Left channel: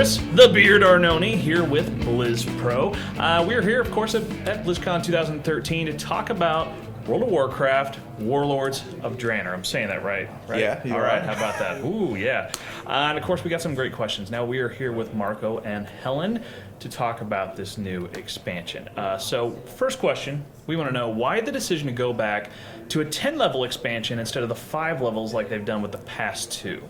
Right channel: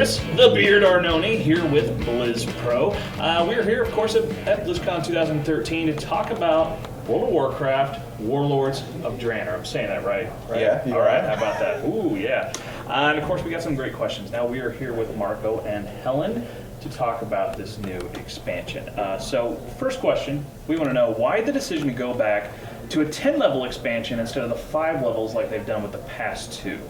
Chris the Beard Arnone here with BlizzPro. We're here, of course, at BlizzCon 2013 to talk about World of Warcraft, Warlords of Draenor. I'm saying that right? Yeah. All right, how about that? Ooh, yeah. And of course, we got some great questions. Now, we are here with Marco and Helen to talk about this new expansion. So, first question, we want to know why the decision to go back to a 10-level expansion instead of the 5 levels like they've done with the past 2?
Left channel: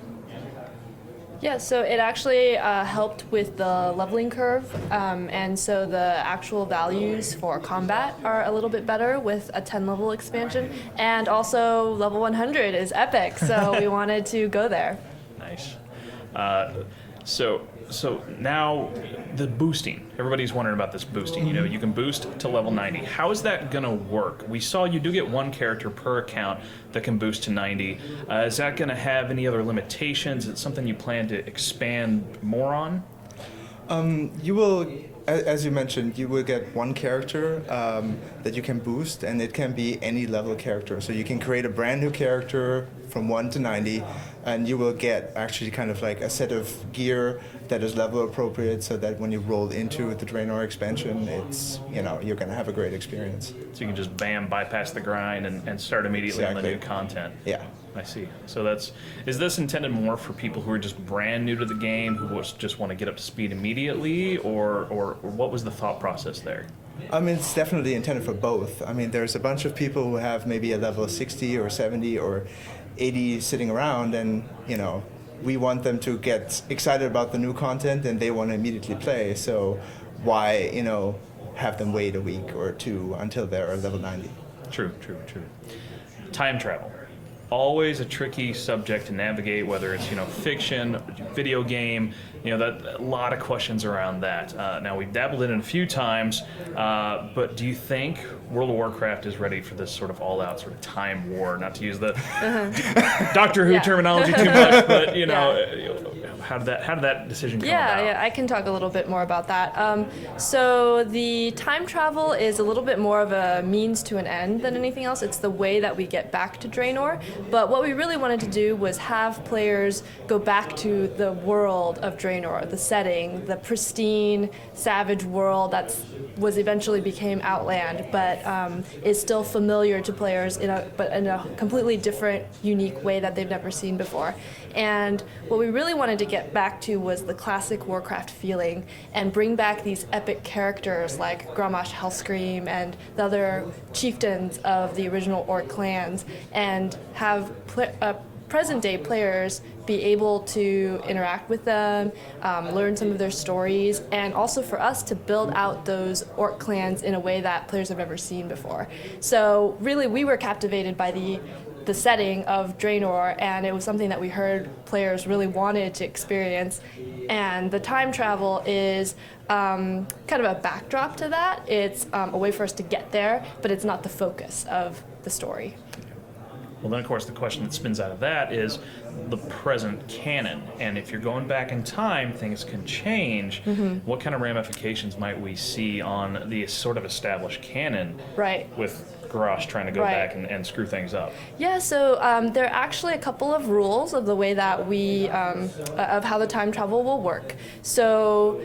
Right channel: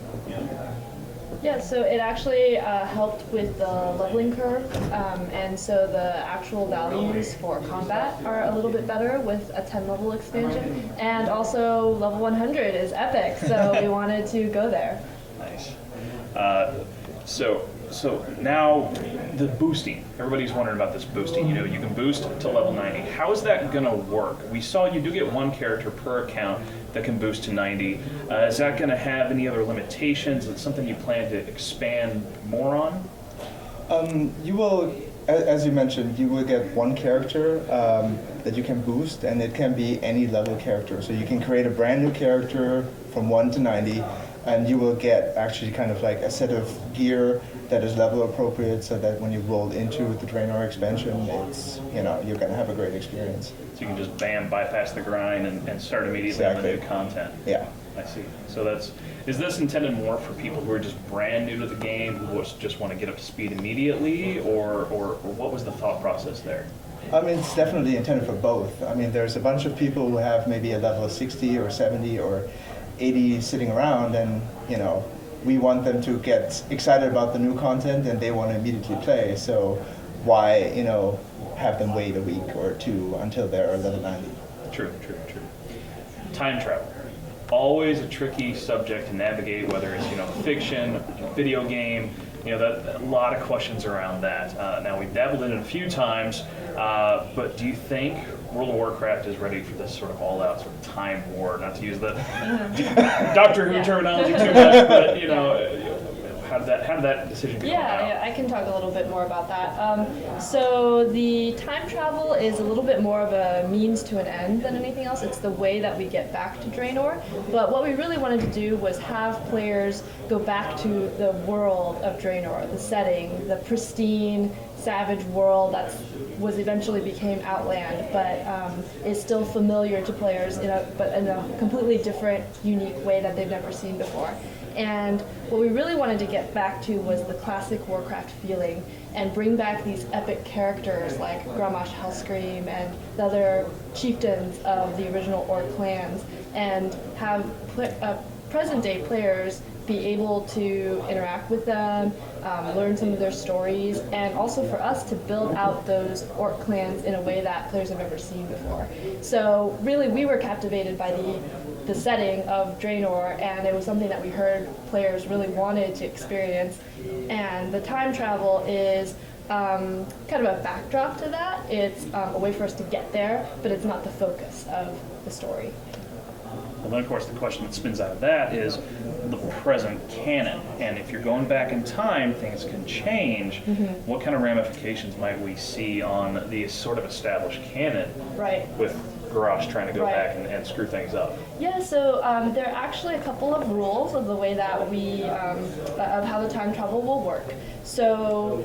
Yeah, so it actually helped with the leveling curve, and so the actual values for combat are a little bit better with a 10-level expansion, and also level 100 is epic, so we wanted to go there. Nice. So now the boosting. Everybody's wondering about this boosting. You know, you can boost to level 90. How is that going to work? We saw you do get one character per account that can boost to 90. Is that going to have any other limitations? Is it something you plan to expand more on? You will, as you mentioned, you will get one character that you can boost, and it can be any level character. So you can create a brand new character from 1 to 90, and you will get actually kind of like a set of gear that is level appropriate, so that when you roll into the Draenor expansion, it's, you know, you're going to have a great experience. So you can just bypass the grind and start immediately on the new content. Yeah. I see. So is this intended more for people who are just brand new to the game, who just want to get up to speed immediately, or what was the thought process there? I mean, it's definitely intended for both. I mean, there's a bunch of people who have maybe a level of 60 or 70 or 80 sitting around, and, you know, we want them to get excited about the new content and they want to immediately play. So why, you know, have them wait a week or two until they're level 90? True. Time travel. Always a tricky subject to navigate, whether it's, you know, fiction, video game, you know, that a lot of questions around that. Now, we've dabbled in it a few times, but do you think World of Warcraft is ready for this sort of all-out sort of time war? Not to use the Doctor Who terminology too much, but, you know, how did that decision come about? Yeah, I can talk a little bit more about that. So the time travel is a little bit more of a means to an end than anything else. It's the way that we get back to Draenor. But what we really wanted to do was have players go back to the world of Draenor, the setting, the pristine, savage world that was eventually became Outland, but is still familiar to players but in a completely different, unique way that they've never seen before. And what we really wanted to get back to was the classic Warcraft feeling and bring back these epic characters like Grommash Hellscream and the other chieftains of the original Orc clans, and have present-day players be able to interact with them, learn some of their stories, and also for us to build out those Orc clans in a way that players have never seen before. So really, we were captivated by the setting of Draenor, and it was something that we heard players really wanted to experience. And the time travel is kind of a backdrop to that. It's a way for us to get there, but it's not the focus of the story. Well, then, of course, the question that spins out of that is the present canon. And if you're going back in time, things can change. What kind of ramifications might we see on the sort of established canon with Garrosh trying to go back and screw things up? Yeah, so there are actually a couple of rules of the way that we, of how the time travel will work. So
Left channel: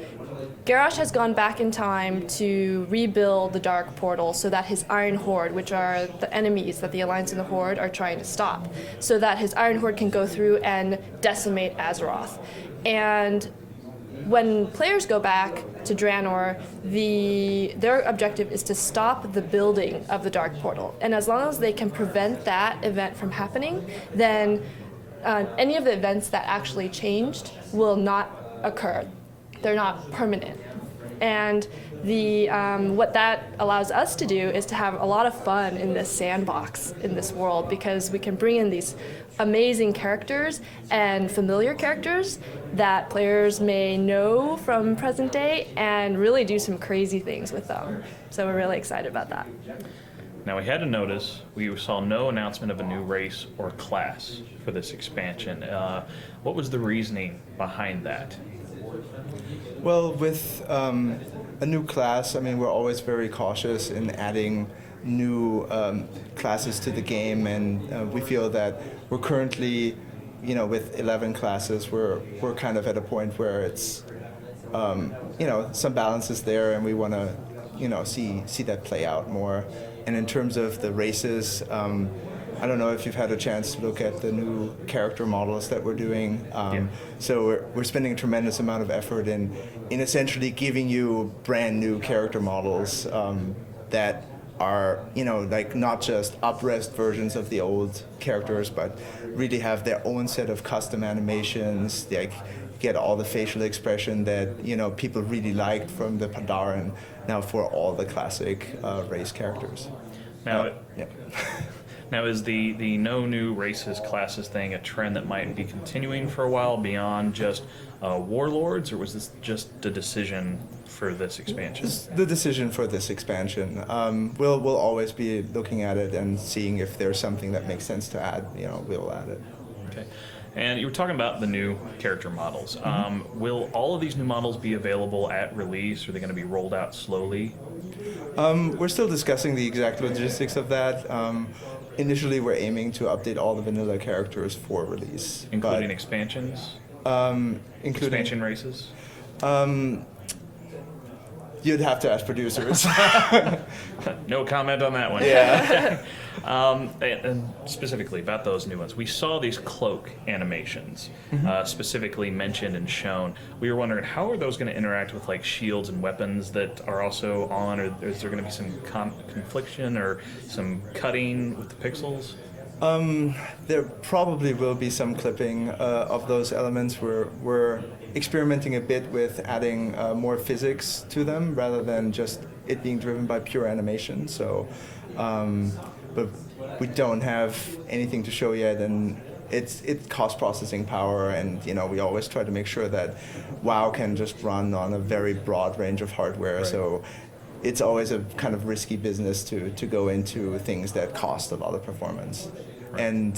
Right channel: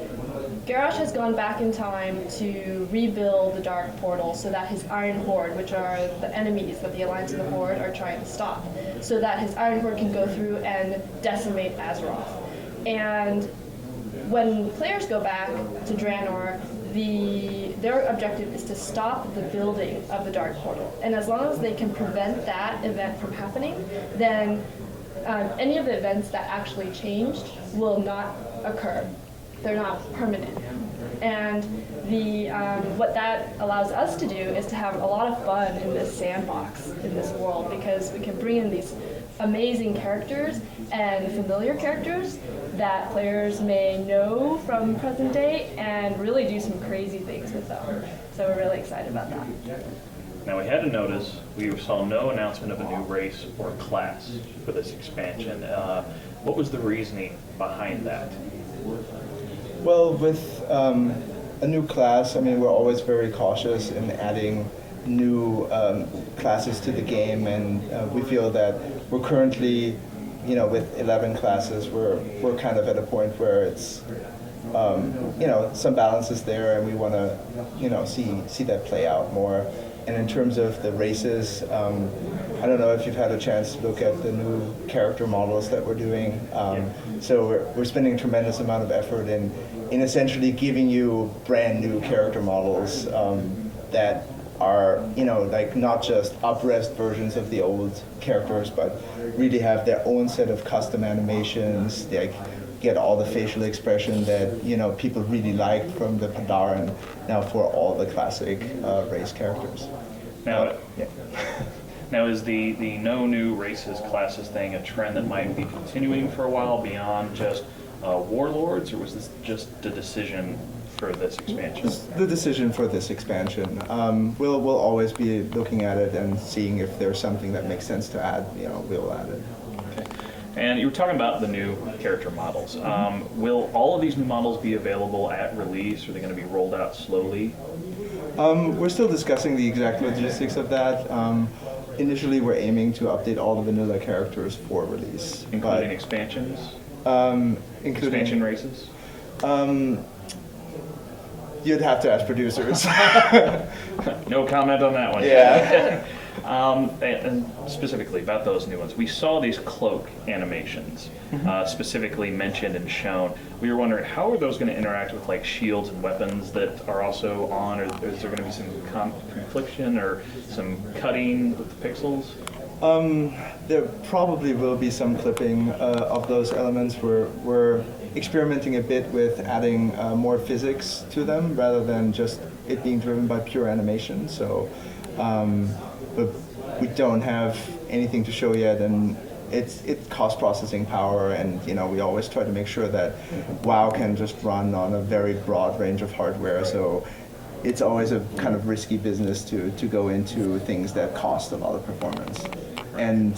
Garrosh has gone back in time to rebuild the Dark Portal so that his Iron Horde, which are the enemies that the Alliance and the Horde are trying to stop, so that his Iron Horde can go through and decimate Azeroth. And when players go back to Draenor, their objective is to stop the building of the Dark Portal. And as long as they can prevent that event from happening, then any of the events that actually changed will not occur. They're not permanent. And what that allows us to do is to have a lot of fun in this sandbox, in this world, because we can bring in these amazing characters and familiar characters that players may know from present day and really do some crazy things with them. So we're really excited about that. Now, we had to notice we saw no announcement of a new race or class for this expansion. What was the reasoning behind that? Well, with a new class, I mean, we're always very cautious in adding new classes to the game, and we feel that we're currently with 11 classes, we're kind of at a point where it's, some balance is there, and we want to, see that play out more. And in terms of the races, I don't know if you've had a chance to look at the new character models that we're doing. So we're spending a tremendous amount of effort in essentially giving you brand new character models that are, like not just up-res versions of the old characters, but really have their own set of custom animations. They get all the facial expression that people really liked from the Pandaria now for all the classic race characters. Now, Yeah. now is the no new races classes thing a trend that might be continuing for a while beyond just Warlords, or was this just a decision for this expansion? It's the decision for this expansion. We'll always be looking at it and seeing if there's something that makes sense to add. We'll add it. And you were talking about the new character models. Will all of these new models be available at release? Or are they going to be rolled out slowly? We're still discussing the exact logistics of that. Initially, we're aiming to update all the vanilla characters for release. Including expansions? Including Expansion races? You'd have to ask producers. No comment on that one. Yeah. And specifically about those new ones, we saw these cloak animations specifically mentioned and shown. We were wondering, how are those going to interact with like shields and weapons that are also on, or is there going to be some confliction or some cutting with the pixels? There probably will be some clipping of those elements. We're experimenting a bit with adding more physics to them rather than just it being driven by pure animation. So, but we don't have anything to show yet, and it's cost processing power, and we always try to make sure that WoW can just run on a very broad range of hardware. So it's always a kind of risky business to go into things that cost a lot of performance. And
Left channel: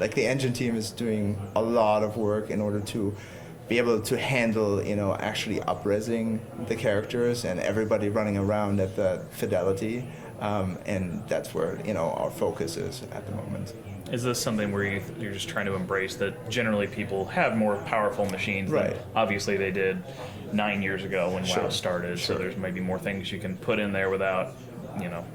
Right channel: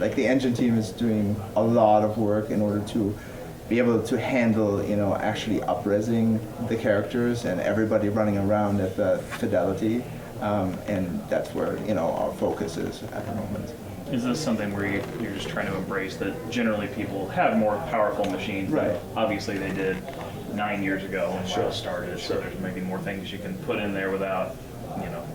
like the engine team is doing a lot of work in order to be able to handle, actually up-resing the characters and everybody running around at the fidelity. And that's where, our focus is at the moment. Is this something where you're just trying to embrace that generally people have more powerful machines Right. than obviously they did 9 years ago when WoW started, Sure. so there's maybe more things you can put in there without,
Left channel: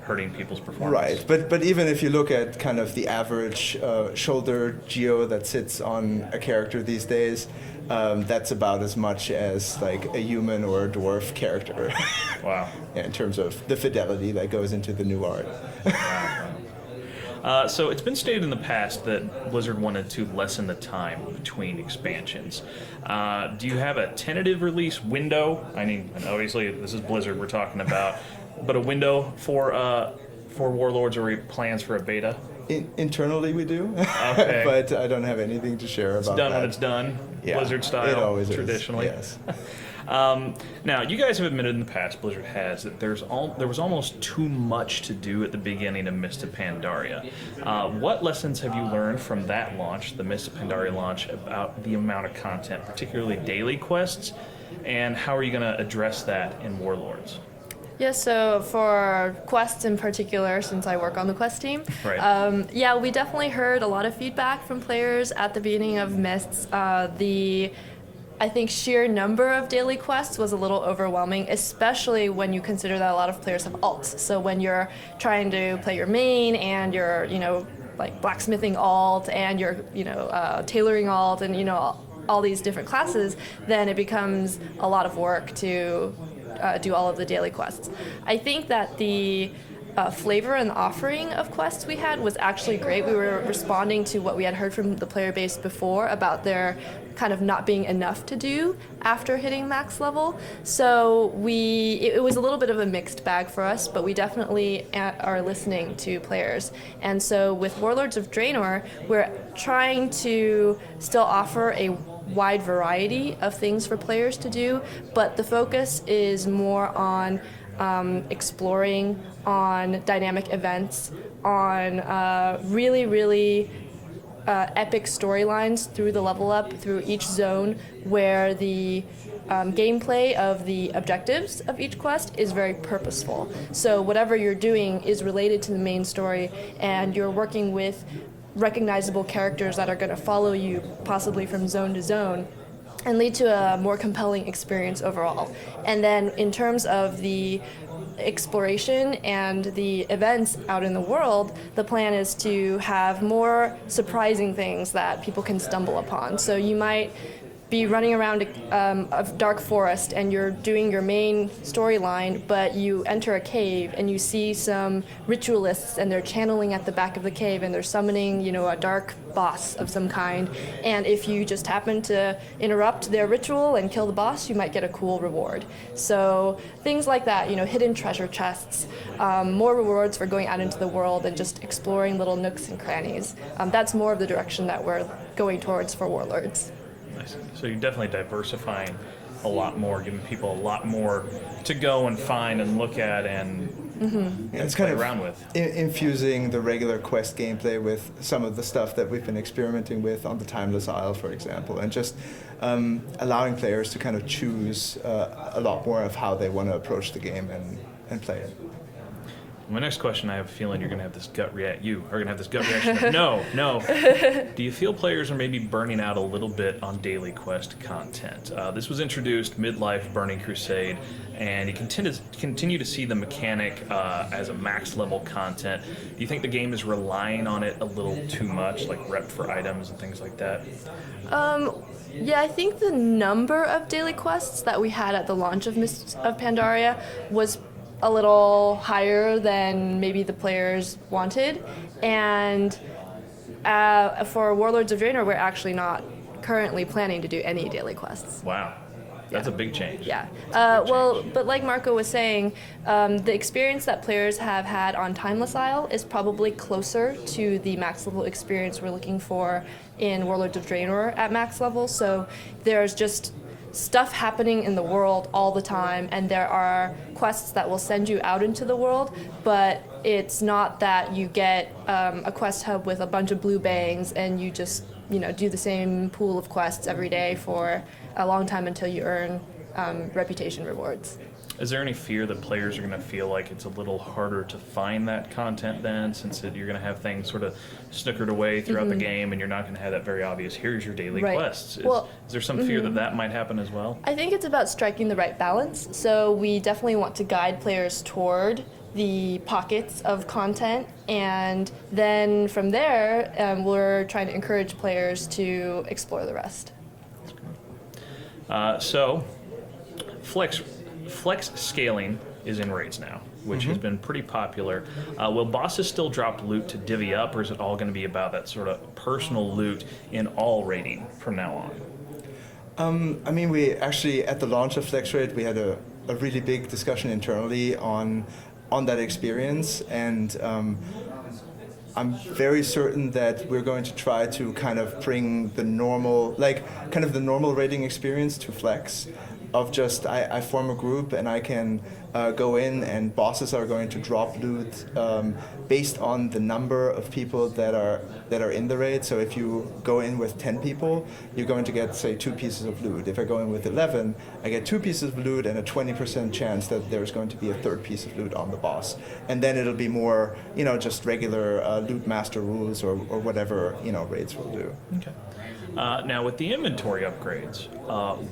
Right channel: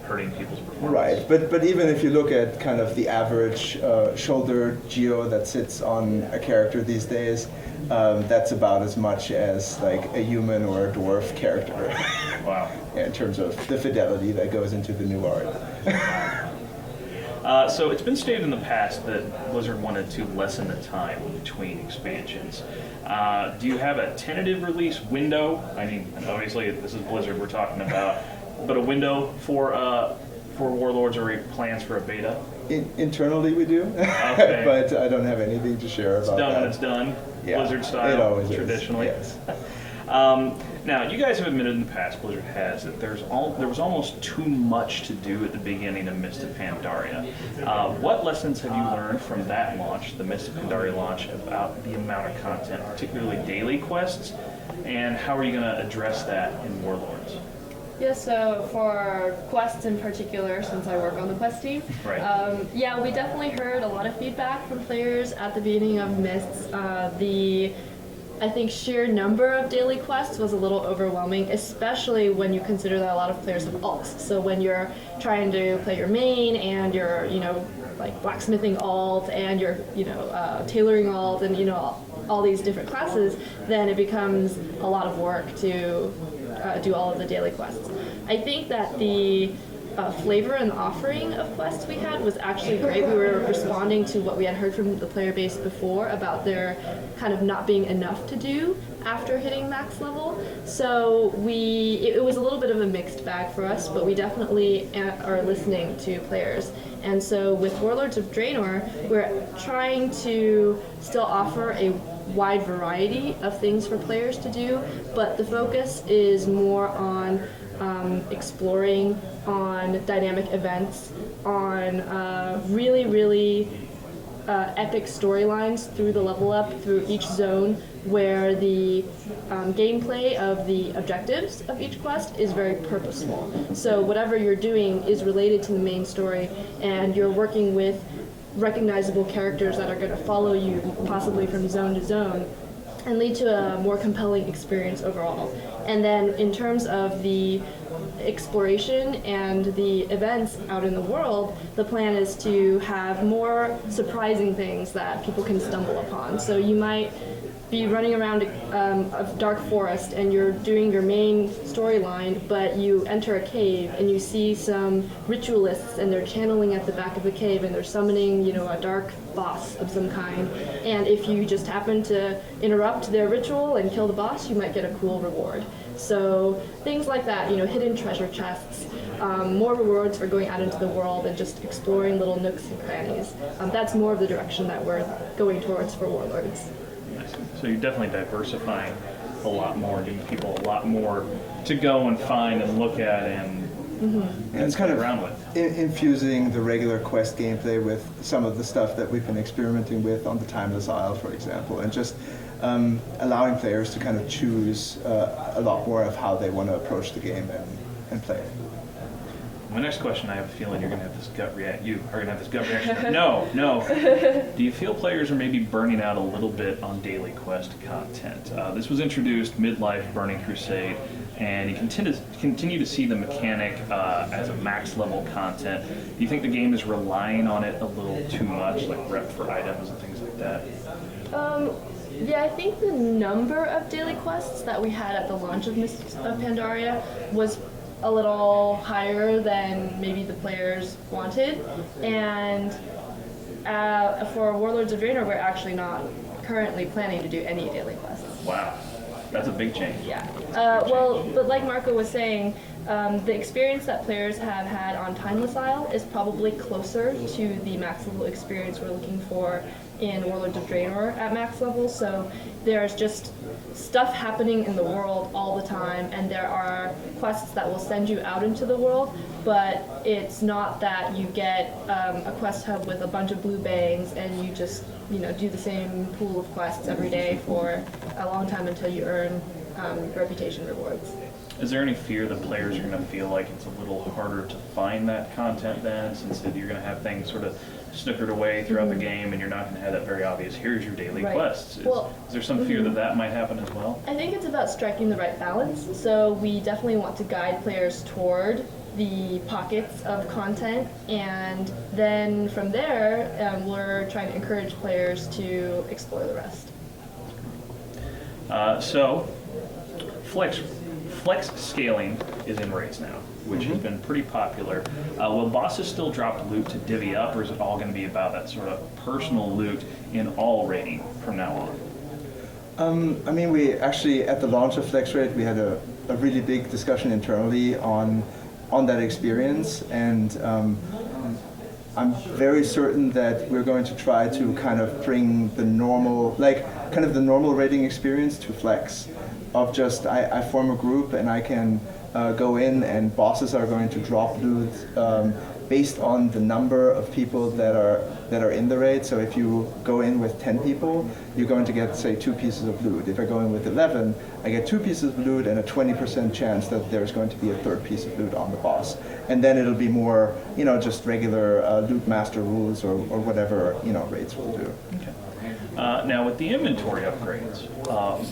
hurting people's performance? Right, but even if you look at kind of the average shoulder geo that sits on a character these days, that's about as much as like a human or a dwarf character. Wow. In terms of the fidelity that goes into the new art. So it's been stated in the past that Blizzard wanted to lessen the time between expansions. Do you have a tentative release window? I mean, obviously this is Blizzard we're talking about, but a window for Warlords, or plans for a beta? Internally we do, Okay. but I don't have anything to share about Done when that. it's done, Yeah, Blizzard style, it always traditionally. is. Yes. Now, you guys have admitted in the past, Blizzard has, that there was almost too much to do at the beginning of Mist of Pandaria. What lessons have you learned from that launch, the Mist of Pandaria launch, about the amount of content, particularly daily quests, and how are you going to address that in Warlords? Yeah, so for quests in particular, since I work on the quest team, Right. yeah, we definitely heard a lot of feedback from players at the beginning of Mists. I think sheer number of daily quests was a little overwhelming, especially when you consider that a lot of players have alts. So when you're trying to play your main and you're, like blacksmithing alt and you're, tailoring alt and, all these different classes, then it becomes a lot of work to do all of the daily quests. I think that the flavor and offering of quests we had was actually great. We were responding to what we had heard from the player base before about there kind of not being enough to do after hitting max level. So it was a little bit of a mixed bag for us, but we definitely are listening to players. And so with Warlords of Draenor, we're trying to still offer a wide variety of things for players to do, but the focus is more on exploring, on dynamic events, on really epic storylines through the level up, through each zone, where the gameplay of the objectives of each quest is very purposeful. So whatever you're doing is related to the main story, and you're working with recognizable characters that are going to follow you possibly from zone to zone and lead to a more compelling experience overall. And then in terms of the exploration and the events out in the world, the plan is to have more surprising things that people can stumble upon. So you might be running around a dark forest and you're doing your main storyline, but you enter a cave and you see some ritualists and they're channeling at the back of the cave and they're summoning, a dark boss of some kind. And if you just happen to interrupt their ritual and kill the boss, you might get a cool reward. So things like that, hidden treasure chests, more rewards for going out into the world and just exploring little nooks and crannies. That's more of the direction that we're going towards for Warlords. So you're definitely diversifying a lot more, giving people a lot more to go and find and look at and It's play kind of around with. infusing the regular quest gameplay with some of the stuff that we've been experimenting with on the Timeless Isle, for example, and just allowing players to kind of choose a lot more of how they want to approach the game and play it. My next question, I have a feeling you're going to have this gut reaction. You are going to have this gut reaction. No. Do you feel players are maybe burning out a little bit on daily quest content? This was introduced mid-life Burning Crusade, and you continue to see the mechanic as a max level content. Do you think the game is relying on it a little too much, like rep for items and things like that? Yeah, I think the number of daily quests that we had at the launch of Mists of Pandaria was a little higher than maybe the players wanted, and for Warlords of Draenor, we're actually not currently planning to do any daily quests. Wow, that's a big change. Yeah. But like Marco was saying, the experience that players have had on Timeless Isle is probably closer to the max level experience we're looking for in Warlords of Draenor at max level. So there's just stuff happening in the world all the time, and there are quests that will send you out into the world, but it's not that you get a quest hub with a bunch of blue bangs and you just do the same pool of quests every day for a long time until you earn reputation rewards. Is there any fear that players are going to feel like it's a little harder to find that content then, since you're going to have things sort of snookered away throughout the game and you're not going to have that very obvious, here's your daily Right. quests? Is there some fear that might happen as well? I think it's about striking the right balance. So we definitely want to guide players toward the pockets of content, and then from there, we're trying to encourage players to explore the rest. So, Flex scaling is in raids now, which has been pretty popular. Will bosses still drop loot to divvy up, or is it all going to be about that sort of personal loot in all raiding from now on? I mean, we actually, at the launch of Flex Raid, we had a really big discussion internally on that experience, and I'm very certain that we're going to try to kind of bring the normal raiding experience to Flex, of just I form a group and I can go in and bosses are going to drop loot based on the number of people that are in the raid. So if you go in with 10 people, you're going to get, say, 2 pieces of loot. If I go in with 11, I get 2 pieces of loot and a 20% chance that there's going to be a 3rd piece of loot on the boss. And then it'll be more, just regular loot master rules or whatever, raids will do. Okay. Now, with the inventory upgrades,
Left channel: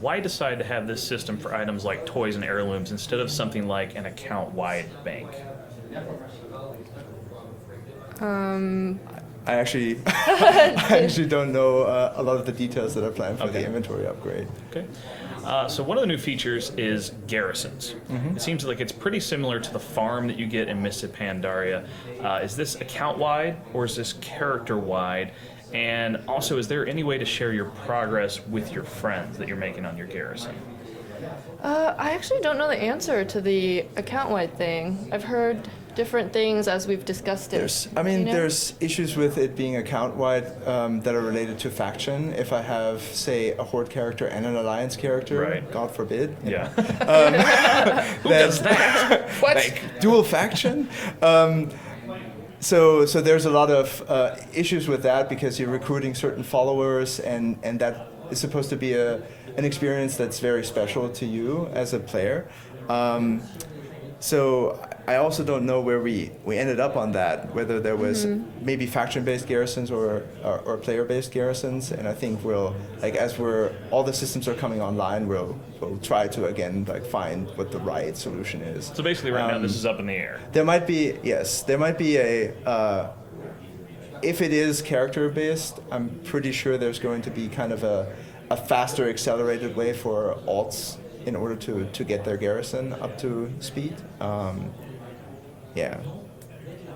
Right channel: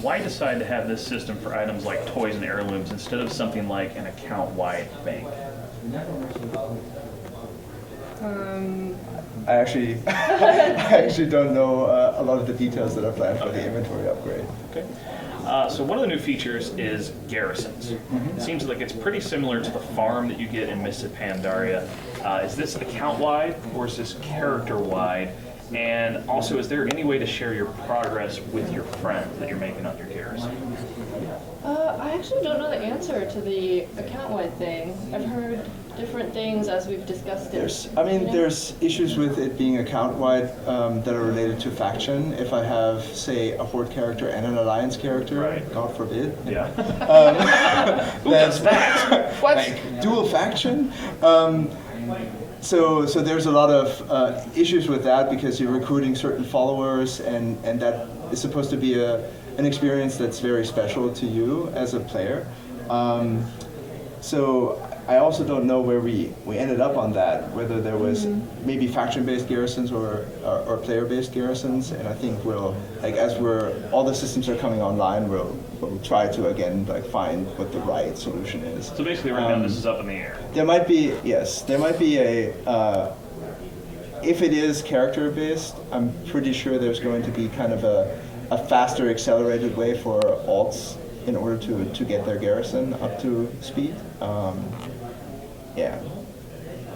why decide to have this system for items like toys and heirlooms instead of something like an account-wide bank? I actually don't know a lot of the details that are planned for the inventory upgrade. Okay. So one of the new features is Garrisons. It seems like it's pretty similar to the farm that you get in Mists of Pandaria. Is this account-wide or is this character-wide? And also, is there any way to share your progress with your friends that you're making on your garrison? I actually don't know the answer to the account-wide thing. I've heard different things as we've discussed it. There's issues with it being account-wide that are related to faction. If I have, say, a Horde character and an Alliance character, right. God forbid. Yeah. Who does that? What? Dual faction. So there's a lot of issues with that because you're recruiting certain followers, and that is supposed to be an experience that's very special to you as a player. So I also don't know where we ended up on that, whether there was maybe faction-based garrisons or player-based garrisons, and I think we'll, like, as all the systems are coming online, we'll try to, again, like, find what the right solution is. So basically right now this is up in the air. There might be, yes, there might be if it is character-based, I'm pretty sure there's going to be kind of a faster, accelerated way for alts in order to get their garrison up to speed. Yeah.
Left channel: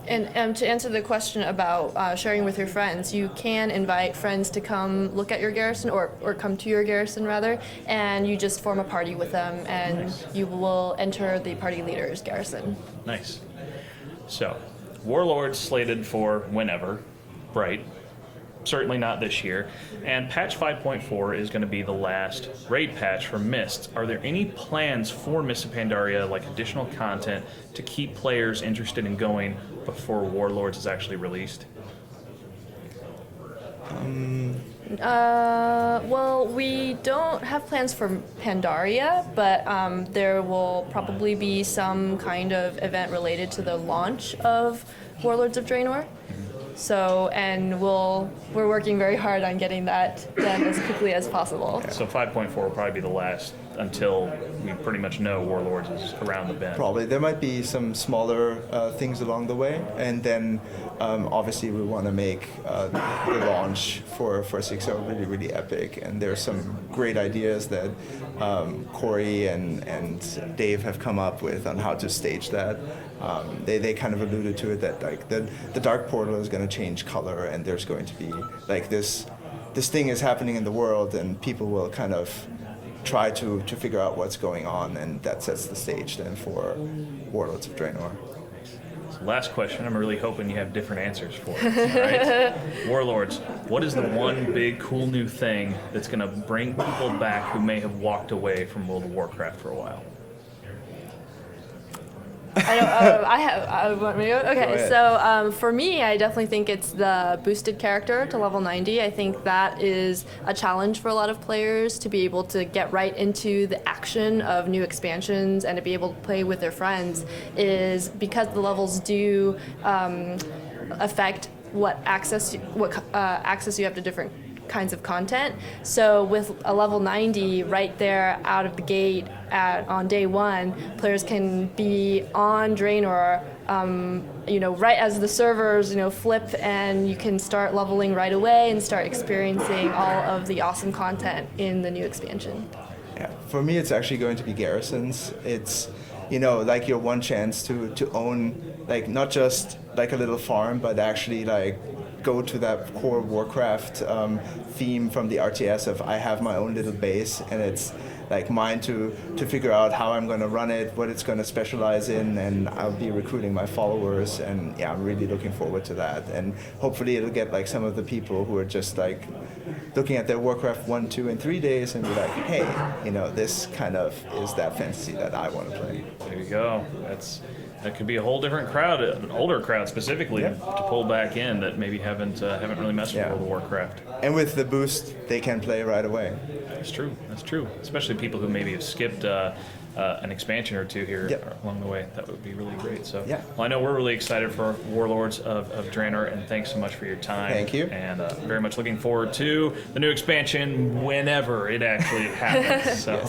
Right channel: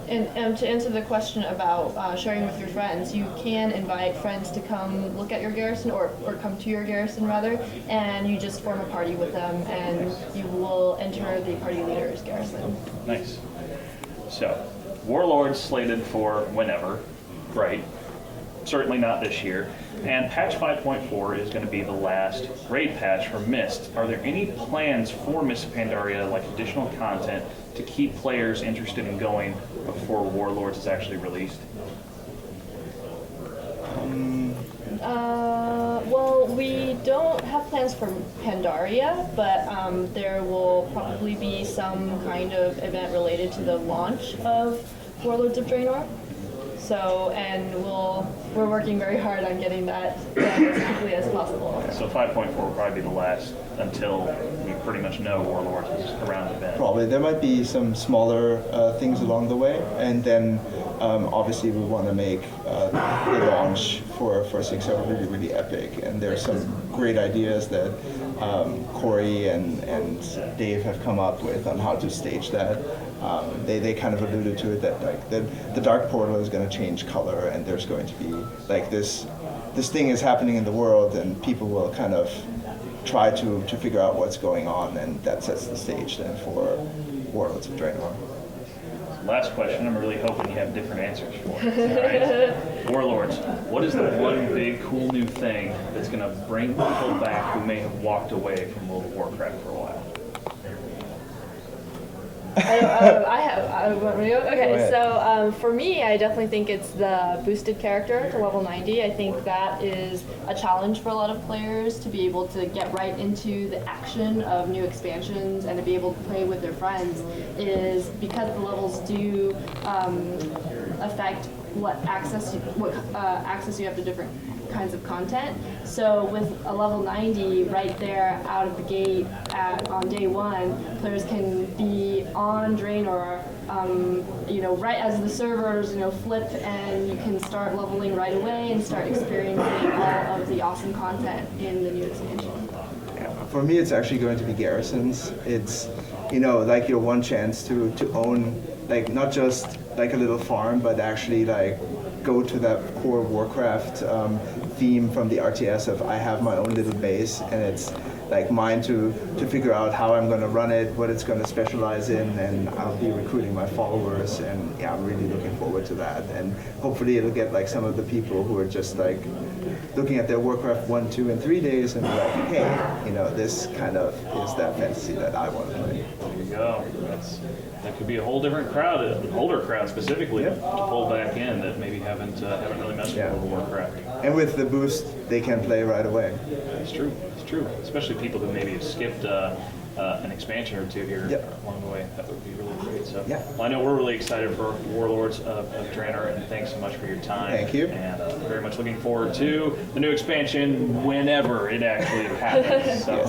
And to answer the question about sharing with your friends, you can invite friends to come look at your garrison, or come to your garrison rather, and you just form a party with them, and you will enter the party leader's garrison. Nice. So, Warlords slated for whenever, right? Certainly not this year. And patch 5.4 is going to be the last raid patch for Mist. Are there any plans for Mist of Pandaria, like additional content, to keep players interested in going before Warlords is actually released? Well, we don't have plans for Pandaria, but there will probably be some kind of event related to the launch of Warlords of Draenor. So, and we're working very hard on getting that done as quickly as possible. So 5.4 will probably be the last until we pretty much know Warlords is around the bend. Probably. There might be some smaller things along the way, and then obviously we want to make the launch for 6.0 really, really epic, and there's some great ideas that Corey and Dave have come up with on how to stage that. They kind of alluded to it that like the Dark Portal is going to change color, and there's going to be like this thing is happening in the world, and people will kind of try to figure out what's going on, and that sets the stage then for Warlords of Draenor. Last question, I'm really hoping you have different answers for. Right? Warlords, what is the one big cool new thing that's going to bring people back who may have walked away from World of Warcraft for a while? I want me to go? Okay, ahead. so for me, I definitely think it's the boosted character to level 90. I think that is a challenge for a lot of players to be able to get right into the action of new expansions and to be able to play with their friends, is because the levels do affect what access you have to different kinds of content. So with a level 90 right there out of the gate on day one, players can be on Draenor, right as the servers, flip, and you can start leveling right away and start experiencing all of the awesome content in the new expansion. Yeah. For me, it's actually going to be garrisons. It's, like your one chance to own, like, not just like a little farm, but actually like go to that core Warcraft theme from the RTS of I have my own little base, and it's like mine to figure out how I'm going to run it, what it's going to specialize in, and I'll be recruiting my followers, and yeah, I'm really looking forward to that. And hopefully it'll get like some of the people who are just like looking at their Warcraft 1, 2, and 3 days and be like, hey, this kind of is that fantasy that I want to play. There you go. That could be a whole different crowd, an older crowd specifically, to pull back in that maybe haven't really messed with World of Warcraft. And with the boost, they can play right away. That's true. That's true. Especially people who maybe have skipped an expansion or two here along the way. That would be really great. So, well, I know we're really excited for Warlords of Draenor, and thanks so much for your time. Thank you. And very much looking forward to the new expansion whenever it actually happens. So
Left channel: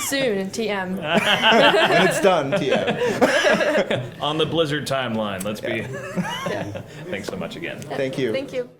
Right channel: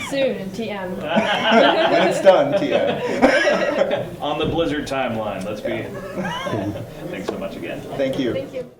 Soon, TM. When it's done, TM. On the Blizzard timeline. Let's be. Thanks so much again. Thank you. Thank you.